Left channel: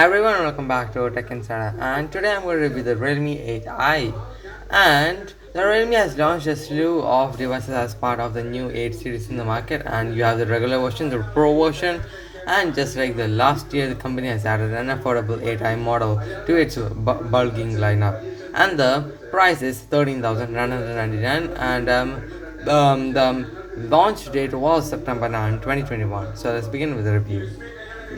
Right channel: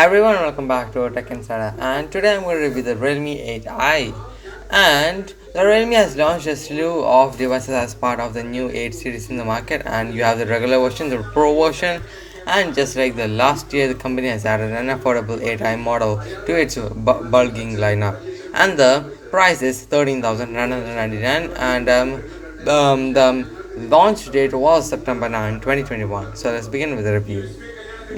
Everyone, welcome back to Tech Insider, and today I'm going to review the Realme 8i. And the Realme has launched a slew of devices as part of the new 8 series in the market, and you have the regular version, the Pro version, and just like the last year, the company has added an affordable 8i model to its bulking lineup, and the price is 13,999, and the launch date was September 9, 2021. So let's begin with the review.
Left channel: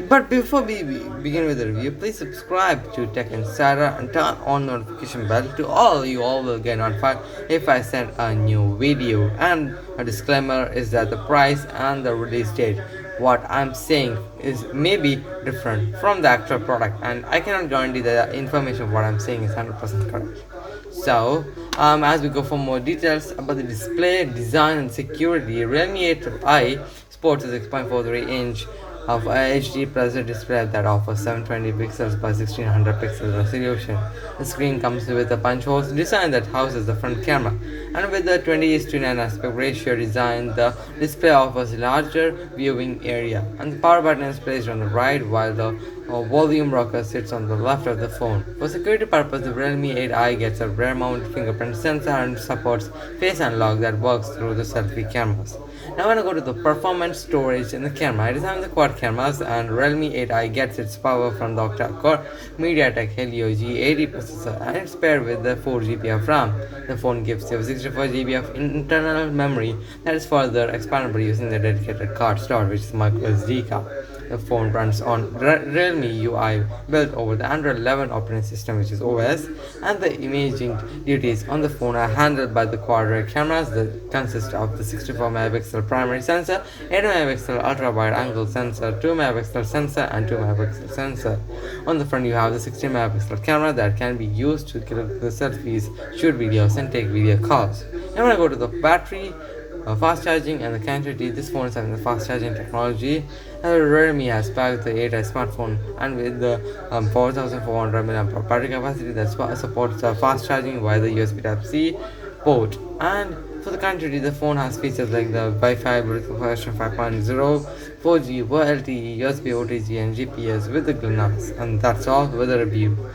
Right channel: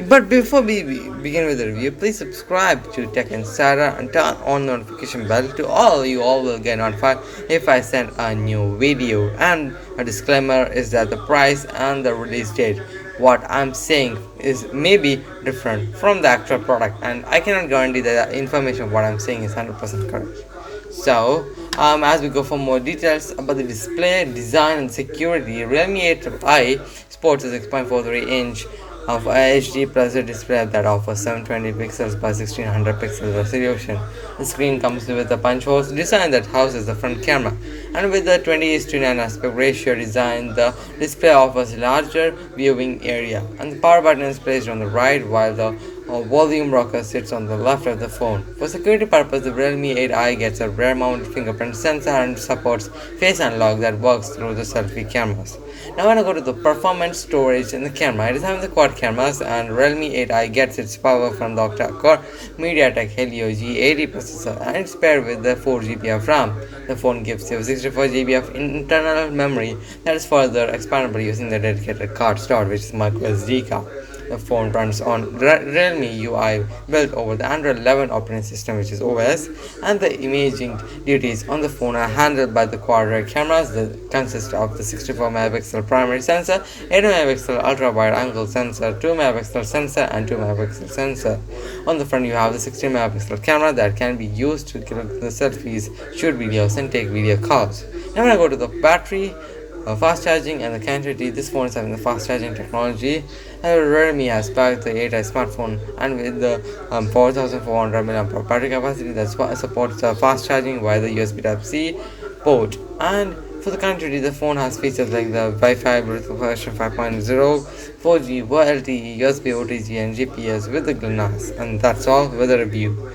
But before we begin with the review, please subscribe to Tech Insider and turn on notification bell to all will get notified if I send a new video. And a disclaimer is that the price and the release date, what I'm saying is maybe different from the actual product, and I cannot guarantee that the information of what I'm saying is 100% correct. So, as we go for more details about the display, design, and security, Realme 8i sports a 6.43-inch of HD plus a display that offers 720 pixels by 1600 pixels resolution. The screen comes with a punch hole design that houses the front camera, and with the 20:9 aspect ratio design, the display offers larger viewing area, and the power button is placed on the right while the volume rocker sits on the left of the phone. For security purpose, the Realme 8i gets a rear mount fingerprint sensor and supports face unlock that works through the selfie cameras. Now I want to go to the performance, storage, and the camera. It is having the quad cameras, and Realme 8i gets its power from the octa-core MediaTek Helio G80 processor, and it's paired with the 4GB of RAM. The phone gives you 64GB of internal memory that is further expandable using the dedicated card slot, which is micro SD card. The phone runs on Realme UI built over the Android 11 operating system, which is OS, and the imaging duties on the phone are handled by the quad rear cameras that consist of the 64 megapixel primary sensor, 8 megapixel ultra wide angle sensor, 2 megapixel sensor, and 2 megapixel sensor. On the front, you have the 16 megapixel camera that can be used to click the selfies, shoot videos, and take video calls. Now, when I go to the battery, fast charging, and the connectivity, this phone is having the fast charging technology. Realme has backed the 8i smartphone, and with the 4400 mAh battery capacity that supports fast charging via the USB Type-C port. And for the connectivity, the phone has features like the Wi-Fi, Bluetooth version 5.0, 4G, LTE, USB OTG, and GPS with the GLONASS. And that's all with the review.